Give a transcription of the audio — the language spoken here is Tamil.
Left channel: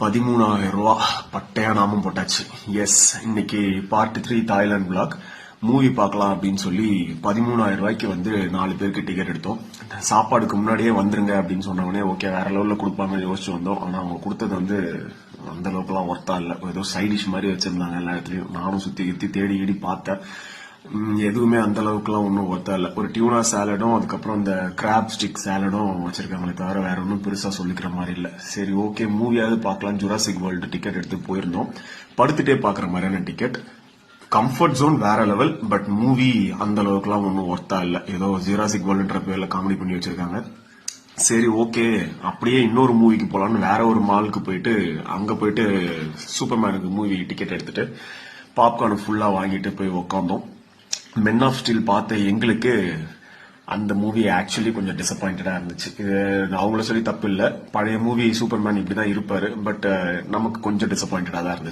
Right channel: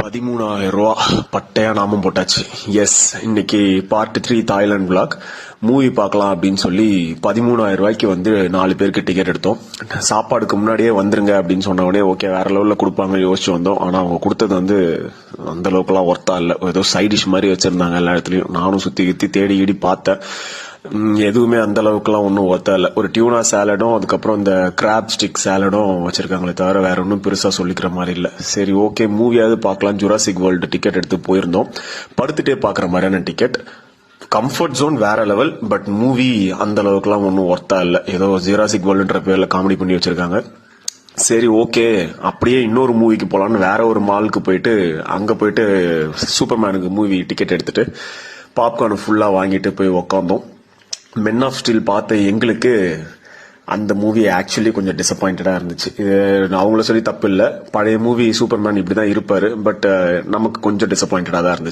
13,000 பட்டையா நாமம் போட்டாச்சு. எஸ், இன்னைக்கு பார்ட் 3 தாய்லாந்து vlog மூவி பார்க்கலாம் அப்படின்னு சொல்லி 13,000 வந்து 4 பேருக்கு டிக்கெட் எடுத்தோம். சாப்பாடுக்கு முன்னாடியே வந்துருங்க அப்படின்னு சொன்ன உடனே ஓகே வேற லெவல்ல கொடுப்பாங்க யோசிச்சு வந்தோம். ஆனா அவங்க கொடுத்தது வந்து அந்த அளவுக்குலாம் ஒர்த்தா இல்ல. ஏதோ சைட் டிஷ் மாதிரி வச்சிருந்தாங்க எல்லா இடத்துலயும். நானும் சுத்தி கித்தி தேடி இடி பார்த்தேன். எதுவுமே அந்த அளவுக்குலாம் ஒன்றும் ஒர்த்தா இல்லை. ஒரு டியூனா சாலடும் அதுக்கப்புறம் இந்த கிராப் ஸ்டிக் சாலடும் வச்சிருக்காங்களே தவிர வேற ஒன்றும் பெருசா சொல்லிக்கிற மாதிரி இல்லை. சரி ஓகே மூவியாவது பார்க்கலாம் ஜுராசிக் வேர்ல்டு டிக்கெட் எடுத்து போயிருந்தோம். படுத்துட்டே பாக்குற மாதிரியான டிக்கெட். கம்ஃபர்ட் ஜோன் வேற லெவல். பட் மூவி அந்த அளவுக்குலாம் ஒன்றும் ஒர்த்தா இல்லை. ஏதோ ஜுராசிக் வேர்ல்டுன்ற பேர்ல காமெடி பண்ணி வச்சிருக்காங்க. சரி ஓகே அப்படியே இன்னொரு மூவிக்கு போலான்னு வேற ஒரு மாலுக்கு போயிட்டு அங்க போயிட்டு சூப்பர்மேனுக்கு மூவி டிக்கெட் எடுத்துட்டு பாப்கார்ன் ஃபுல்லா வாங்கிட்டு போய் உக்காந்தோம். மென் ஆஃப் ஸ்டீல் பார்த்த எங்களுக்கு அந்த மூவி ஆக்சுவலி கொஞ்சம் டிசப்பாயிண்டடா இருந்துச்சு. அவங்கள சொல்லி தப்பு இல்லை, பழைய மூவி சூப்பர்மேன் இப்படிதான் இருப்பாரு. பட் நமக்கு கொஞ்சம் டிசப்பாயிண்டடா தான் இருந்துச்சு.